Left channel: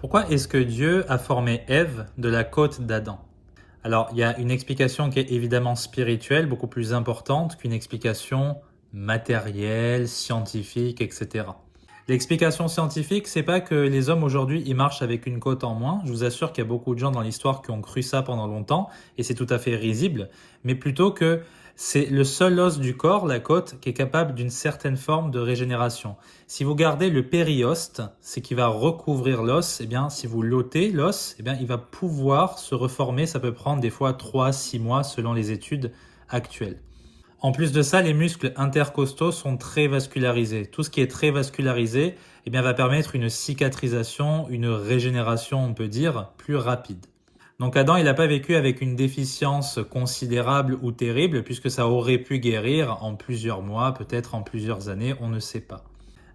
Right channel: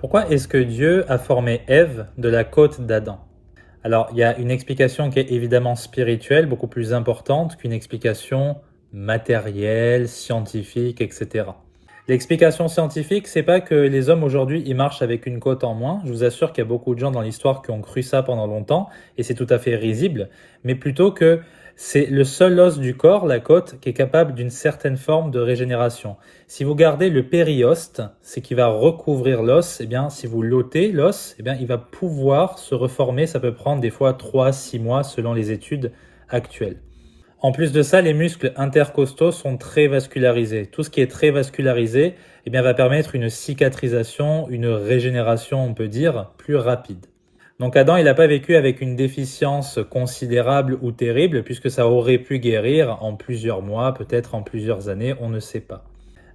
Pourquoi est-ce que Dieu a formé Ève de la côte d'Adam? Alors, il y a une explication qui est évidemment spirituelle, beaucoup plus importante qu'une explication matérielle, scientifique, etc. L'explication scientifique, c'est pas que les hommes aujourd'hui, ils marchent avec une côte en moins. Je vous assure qu'il y a beaucoup de gens dans l'histoire qui ont cru ça pendant longtemps, et c'est tout à fait risible, mais plutôt que c'est le seul os du corps, la côte, qui est capable d'une certaine forme de régénération. Si vous gardez le périoste, c'est qui va recouvrir l'os, eh bien, si vous l'ôtez, l'os, eh bien, il va pouvoir se reformer. Ça peut prendre des fois 3 à 6 mois selon les études actuelles. En plus de ça, les muscles intercostaux sont très vascularisés. Tout ce qui est très vascularisé, eh bien, va permettre une cicatrisation, une régénération, on peut dire, plus rapide. Donc Adam, il n'a pas vécu avec une déficience considérable ou terrible, puisque ça aurait pu guérir en plusieurs mois, peut-être en plusieurs années, on ne sait pas.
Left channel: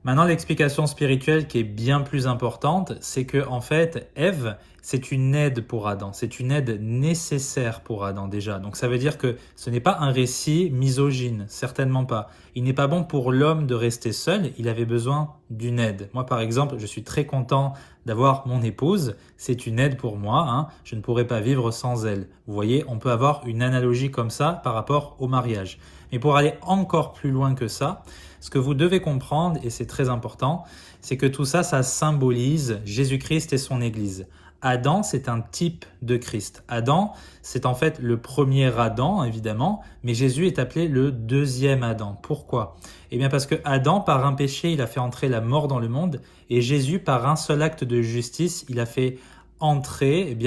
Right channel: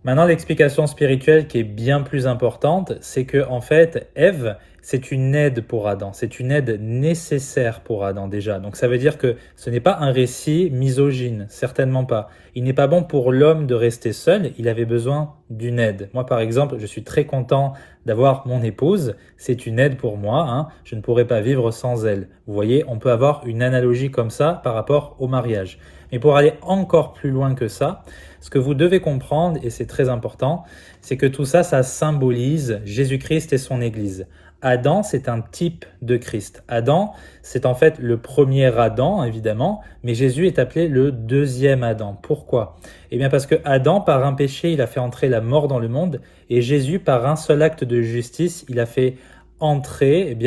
Maintenant, l'explication spirituelle qui est bien plus importante, c'est que en fait, Ève, c'est une aide pour Adam, c'est une aide nécessaire pour Adam déjà. Donc ça veut dire que ce n'est pas un récit misogyne, certainement pas. Il n'est pas bon pour l'homme de rester seul, il avait besoin d'une aide. Moi par exemple, je suis très content d'avoir mon épouse, c'est une aide pour moi, hein. Je ne pourrais pas vivre sans elle. Vous voyez, on peut avoir une analogie comme ça par rapport au mariage. Mais pour aller encore plus loin que ça, ce que vous devez comprendre, et c'est très important, c'est que tout ça, ça symbolise Jésus-Christ et son Église. Adam, c'est un type de Christ. Adam, c'est en fait le premier Adam, évidemment, mais Jésus est appelé le deuxième Adam. Pourquoi? Eh bien parce que Adam, par un péché, il a fait entrer la mort dans le monde, et Jésus, par un seul acte de justice, il a fait entrer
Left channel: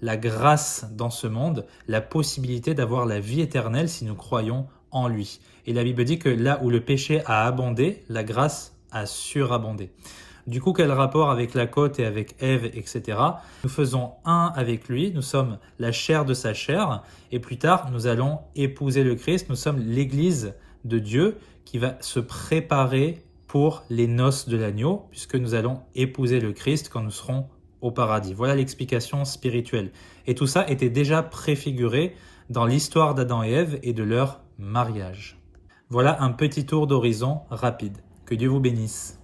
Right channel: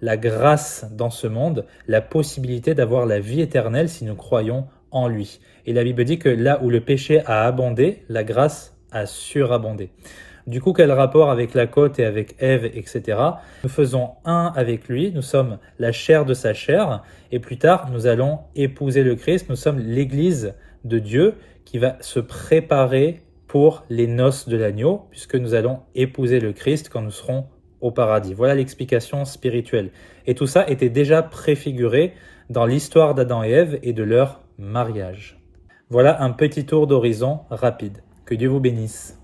la grâce dans ce monde, la possibilité d'avoir la vie éternelle si nous croyons en lui. Et la Bible dit que là où le péché a abondé, la grâce a surabondé. Du coup, quel rapport avec la côte et avec Ève, etc. Nous faisons un avec lui, nous sommes la chair de sa chair, et plus tard, nous allons épouser le Christ, nous sommes l'Église de Dieu qui va se préparer pour les noces de l'agneau, puisque nous allons épouser le Christ quand nous serons au paradis. Voilà l'explication spirituelle. Et tout ça était déjà préfiguré dans l'histoire d'Adam et Ève et de leur mariage. Voilà un petit tour d'horizon rapide. Que Dieu vous bénisse.